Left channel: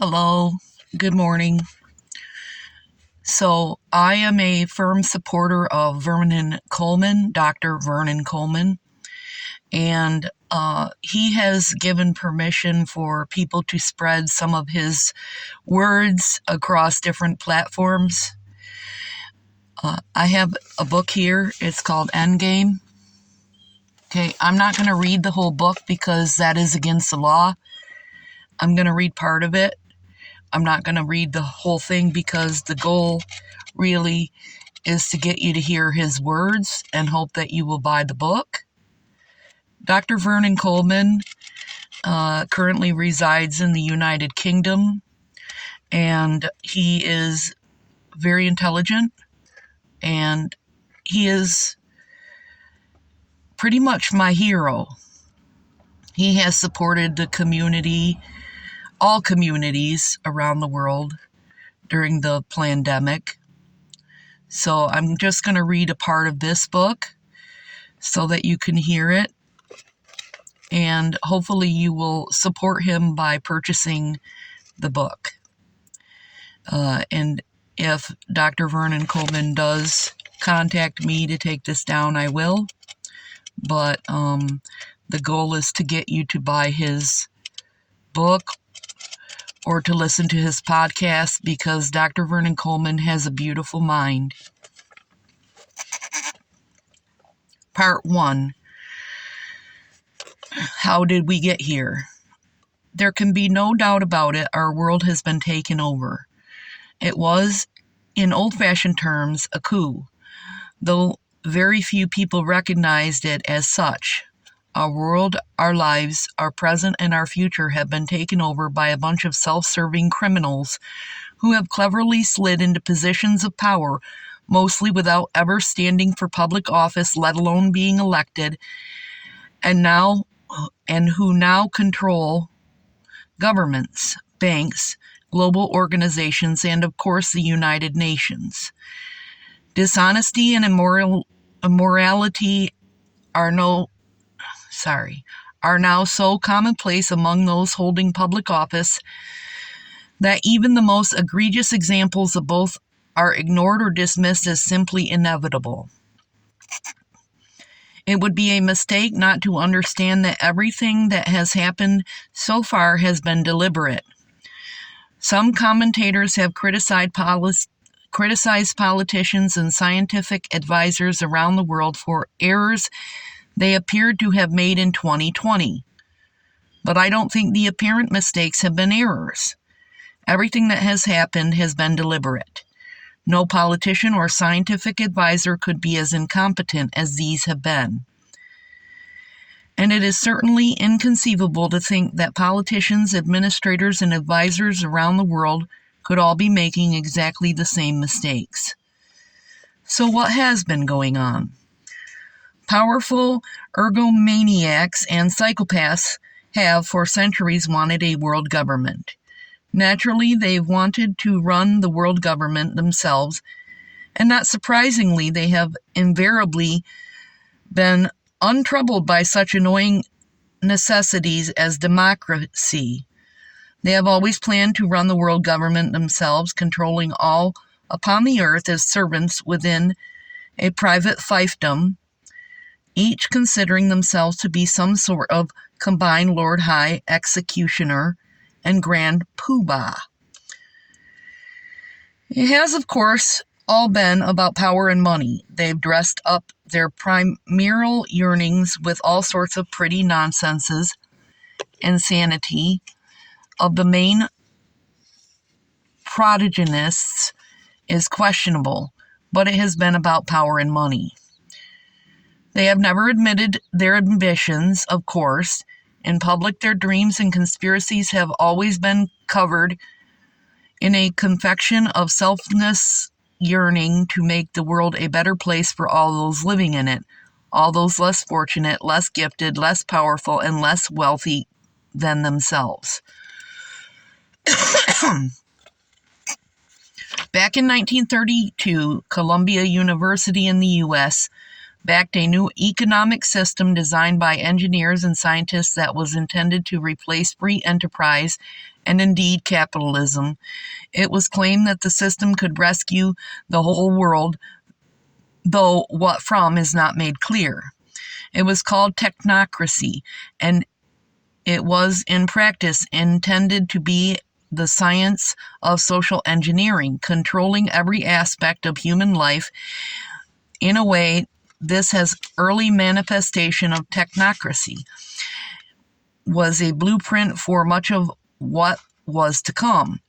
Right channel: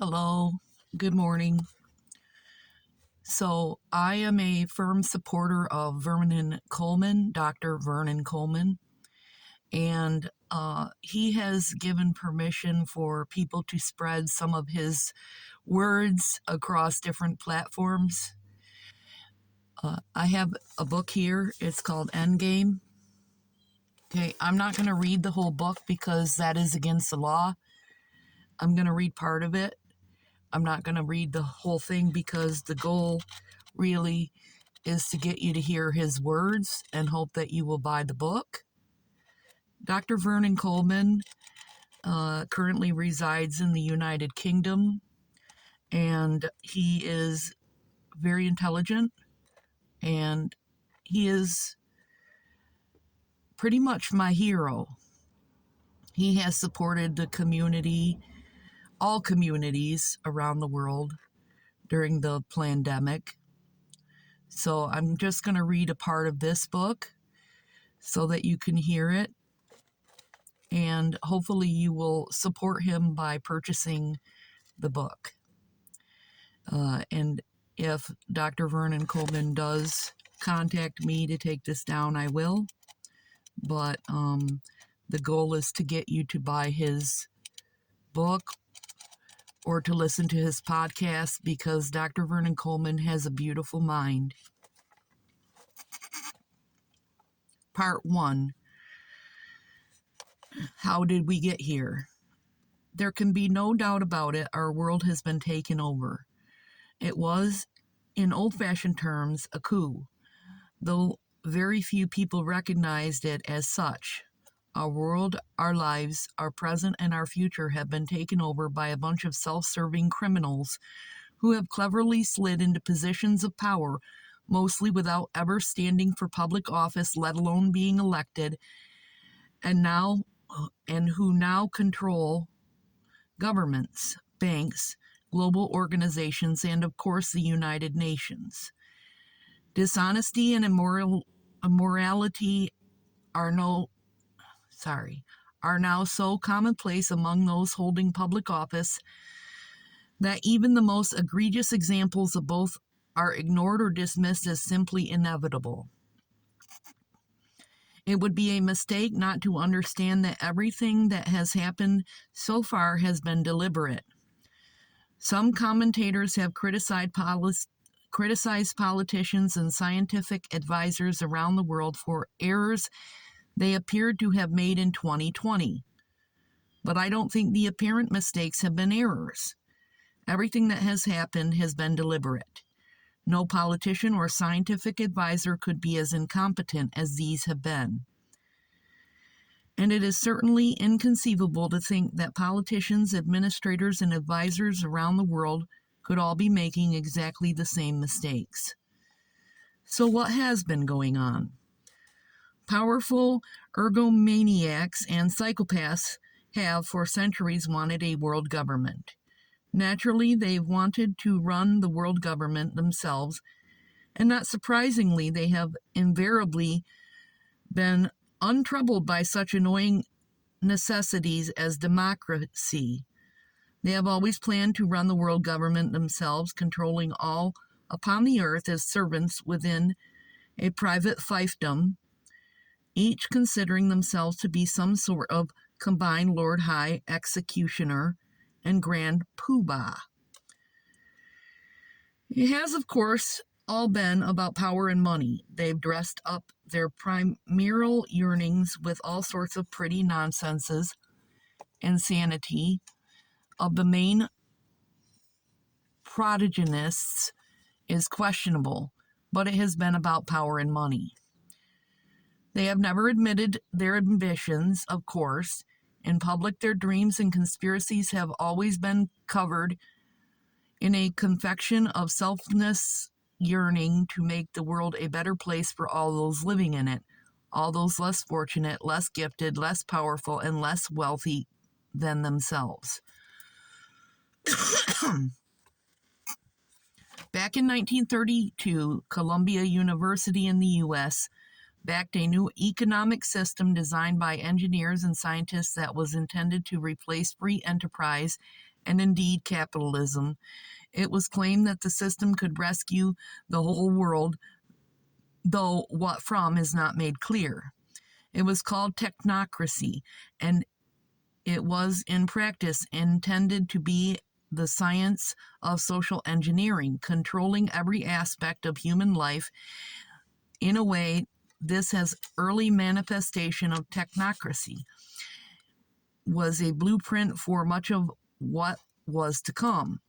Hello, good morning. So, I am a firm supporter of Vernon Coleman, Dr. Vernon Coleman, and he has given permission for people to spread some of his words across different platforms. I have a book here. It's called Endgame. Okay, I'm not going to read the whole book because that is against the law. I'm going to read part of it. I'm not going to read the whole thing because the goal really is to get you to hear his words and hope that you will buy the book. Dr. Vernon Coleman currently resides in the United Kingdom, and he is very intelligent, and he is pretty much my hero. He has supported the community, all communities around the world during the pandemic. So I'm just going to read a part of this book so that you can hear it. And hopefully you will support him by purchasing the book. And if Dr. Vernon Coleman does contact me to take this down, I will. But the goal is to get you to buy his book or to listen to his podcast because Dr. Vernon Coleman has a beautiful mind. Part 1. How did we get here? There can be no doubt about it, our world has been taken over. It was, in old-fashioned terms, a coup, though very few people recognized it as such. Our world, our lives, our present, and our future have been taken over by a bunch of self-serving criminals who have cleverly slid into positions of power, mostly without ever standing for public office, let alone being elected, and who now control governments, banks, global organizations, and of course the United Nations. Dishonesty and immorality are now so commonplace among those holding public office that even the most egregious examples of both are ignored or dismissed as simply inevitable. It would be a mistake not to understand that everything that has happened so far has been deliberate. Some commentators have criticized politicians and scientific advisors around the world for errors they appeared to have made in 2020. But I don't think the apparent mistakes have been errors. Everything that has happened has been deliberate. No politician or scientific advisor could be as incompetent as these have been. And it is certainly inconceivable to think that politicians, administrators, and advisors around the world could all be making exactly the same mistakes. So what has been going on? Powerful ergomaniacs and psychopaths have for centuries wanted a world government. Naturally, they've wanted to run the world government themselves, and not surprisingly, they have invariably been untroubled by such annoying necessities as democracy. They have always planned to run the world government themselves, controlling all upon the earth as servants within a private fiefdom, each considering themselves to be some sort of combined Lord High Executioner and Grand Poobah. It has, of course, all been about power and money. They've dressed up their primeval yearnings with all sorts of pretty nonsenses. Insanity of the main protagonists is questionable, but it has been about power and money. They have never admitted their ambitions, of course. In public, their dreams and conspiracies have always been covered in a confection of selfless yearning to make the world a better place for all those living in it, all those less fortunate, less gifted, less powerful, and less wealthy than themselves. Back in 1932, Columbia University in the U.S. backed a new economic system designed by engineers and scientists that was intended to replace free enterprise and indeed capitalism. It was claimed that the system could rescue the whole world, though what from is not made clear. It was called technocracy, and it was in practice intended to be the science of social engineering, controlling every aspect of human life. In a way, this has early manifestation of technocracy was a blueprint for much of what was to come.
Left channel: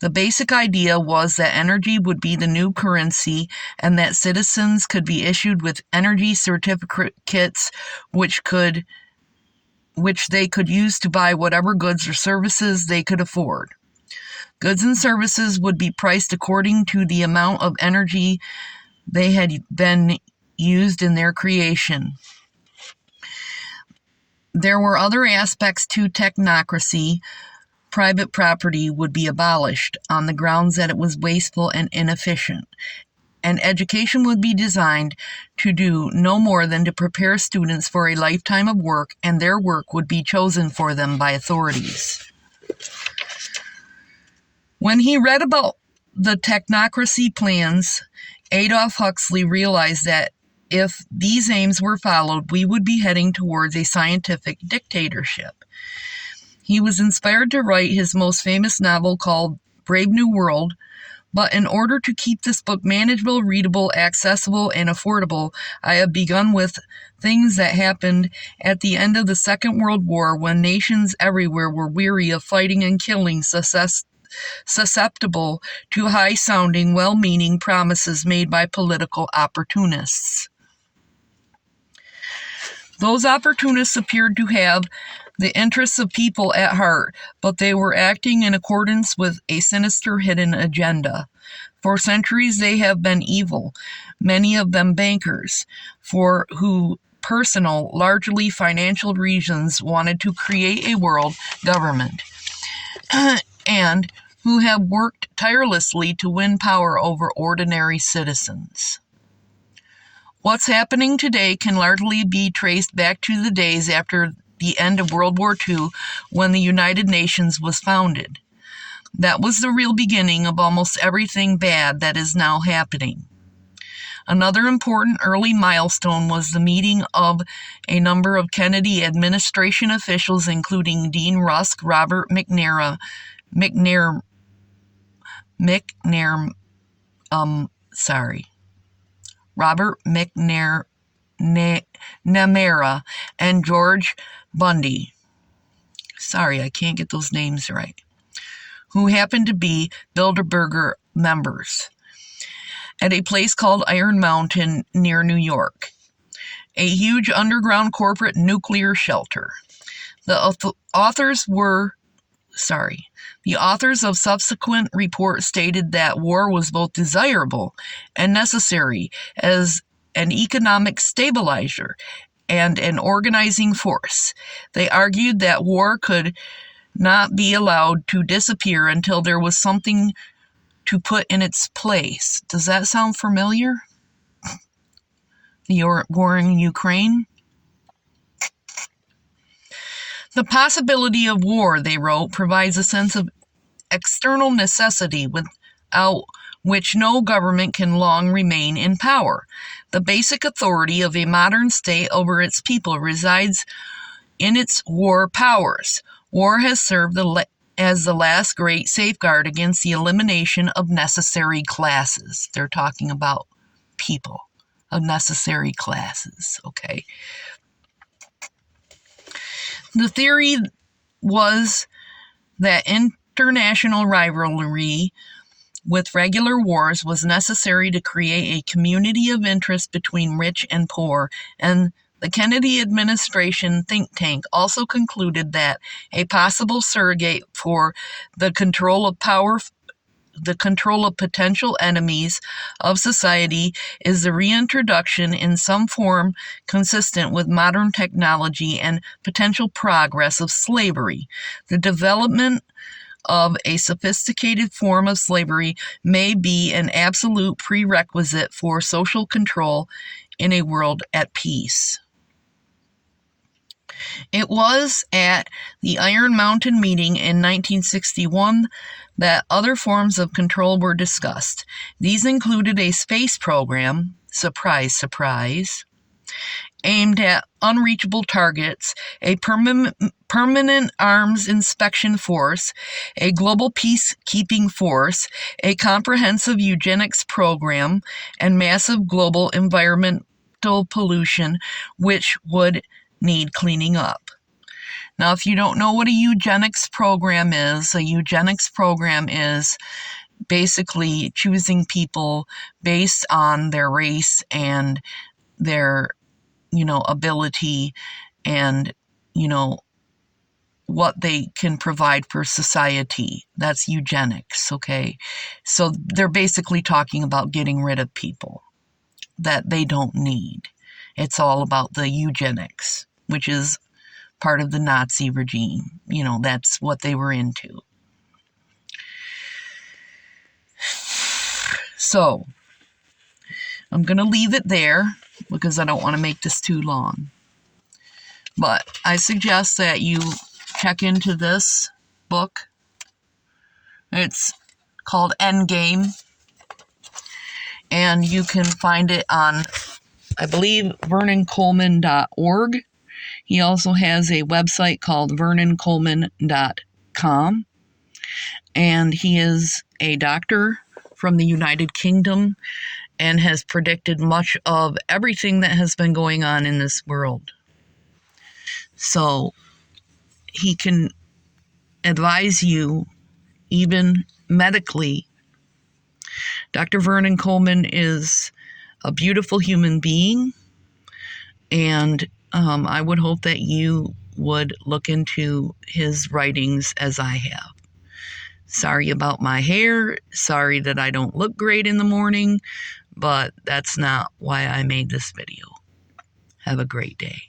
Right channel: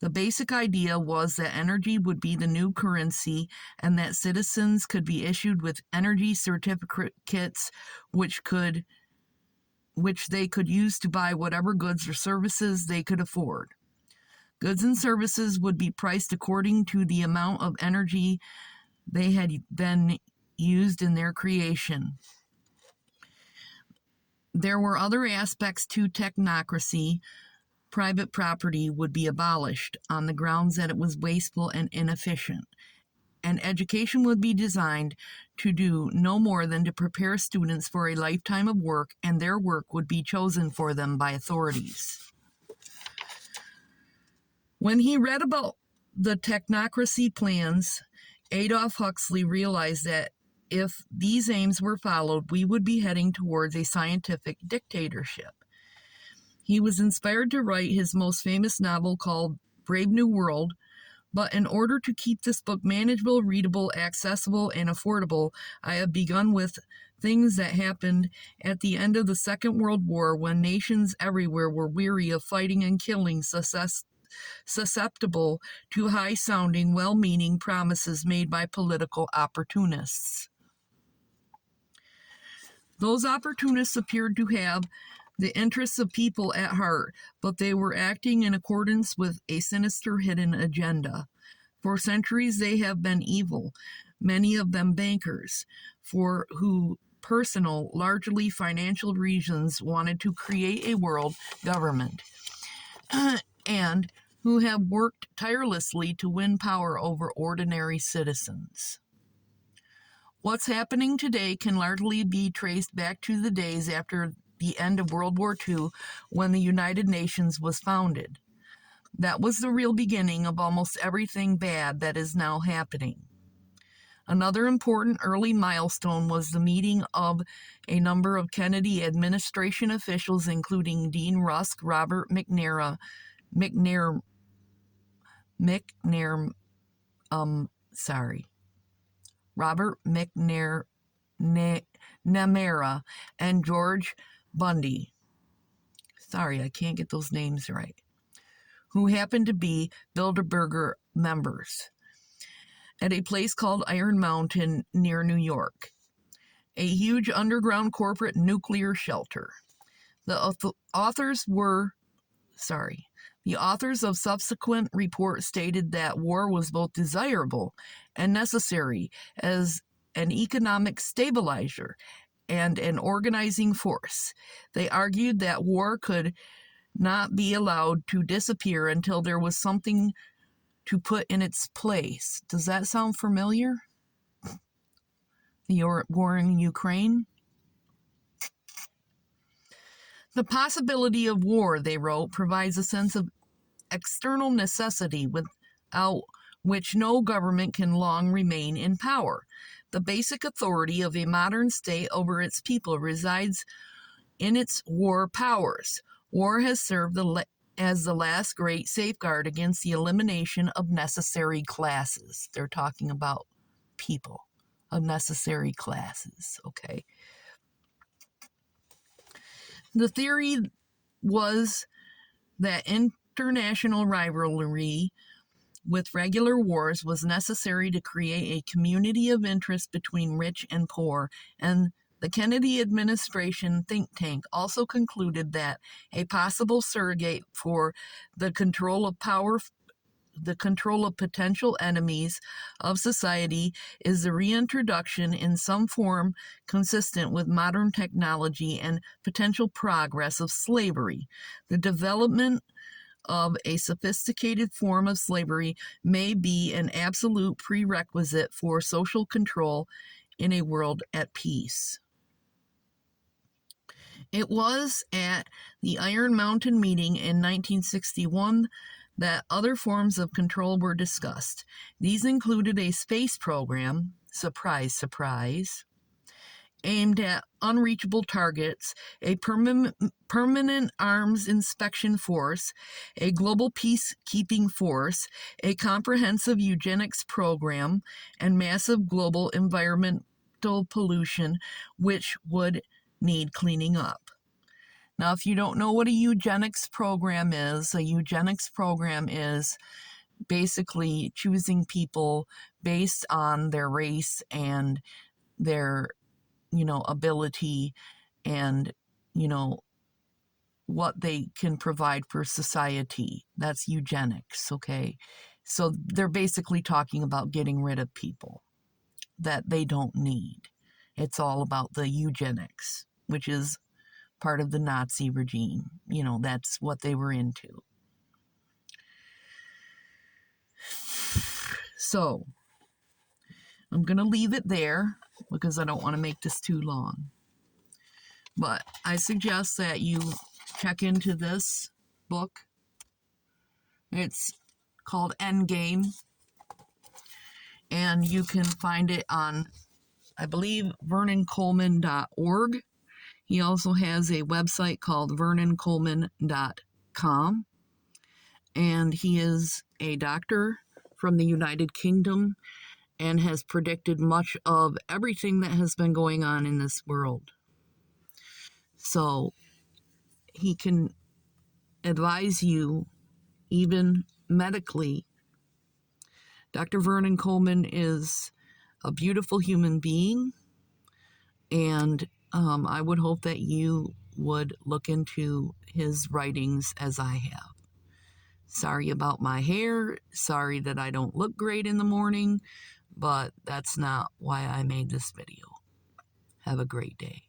The basic idea was that energy would be the new currency and that citizens could be issued with energy certificates which they could use to buy whatever goods or services they could afford. Goods and services would be priced according to the amount of energy they had been used in their creation. There were other aspects to technocracy. Private property would be abolished on the grounds that it was wasteful and inefficient. And education would be designed to do no more than to prepare students for a lifetime of work, and their work would be chosen for them by authorities. When he read about the technocracy plans, Adolf Huxley realized that if these aims were followed, we would be heading towards a scientific dictatorship. He was inspired to write his most famous novel called Brave New World, but in order to keep this book manageable, readable, accessible, and affordable, I have begun with things that happened at the end of the Second World War when nations everywhere were weary of fighting and killing, susceptible to high-sounding, well-meaning promises made by political opportunists. Those opportunists appeared to have the interests of people at heart, but they were acting in accordance with a sinister hidden agenda. For centuries they have been evil, many of them bankers, for who personal, largely financial reasons wanted to create a world government, and who have worked tirelessly to win power over ordinary citizens. What's happening today can largely be traced back to the days after the end of World War II, when the United Nations was founded. That was the real beginning of almost everything bad that is now happening. Another important early milestone was the meeting of a number of Kennedy administration officials, including Dean Rusk, Robert McNamara, and George Bundy. Sorry, I can't get those names right. Who happened to be Bilderberger members at a place called Iron Mountain near New York, a huge underground corporate nuclear shelter. The authors of subsequent reports stated that war was both desirable and necessary as an economic stabilizer and an organizing force. They argued that war could not be allowed to disappear until there was something to put in its place. Does that sound familiar? The war in Ukraine? The possibility of war, they wrote, provides a sense of external necessity without which no government can long remain in power. The basic authority of a modern state over its people resides in its war powers. War has served as the last great safeguard against the elimination of necessary classes. They're talking about people, of necessary classes, okay? The theory was that international rivalry with regular wars was necessary to create a community of interest between rich and poor, and the Kennedy administration think tank also concluded that a possible surrogate for the control of potential enemies of society is the reintroduction in some form consistent with modern technology and potential progress of slavery. The development of a sophisticated form of slavery may be an absolute prerequisite for social control in a world at peace. It was at the Iron Mountain meeting in 1961 that other forms of control were discussed. These included a space program, surprise, surprise, aimed at unreachable targets, a permanent arms inspection force, a global peacekeeping force, a comprehensive eugenics program, and massive global environmental pollution, which would need cleaning up. Now, if you don't know what a eugenics program is, a eugenics program is basically choosing people based on their race and their ability and what they can provide for society. That's eugenics, okay? So they're basically talking about getting rid of people that they don't need. It's all about the eugenics, which is part of the Nazi regime. That's what they were into. So I'm going to leave it there because I don't want to make this too long. But I suggest that you check into this book. It's called Endgame, and you can find it on, I believe, vernoncoleman.org. He also has a website called vernoncoleman.com, and he is a doctor from the United Kingdom and has predicted much of everything that has been going on in this world. So he can advise you even medically. Dr. Vernon Coleman is a beautiful human being, and I would hope that you would look into his writings as I have. Sorry about my hair. Sorry that I don't look great in the morning, but that's not why I made this video. Have a great day.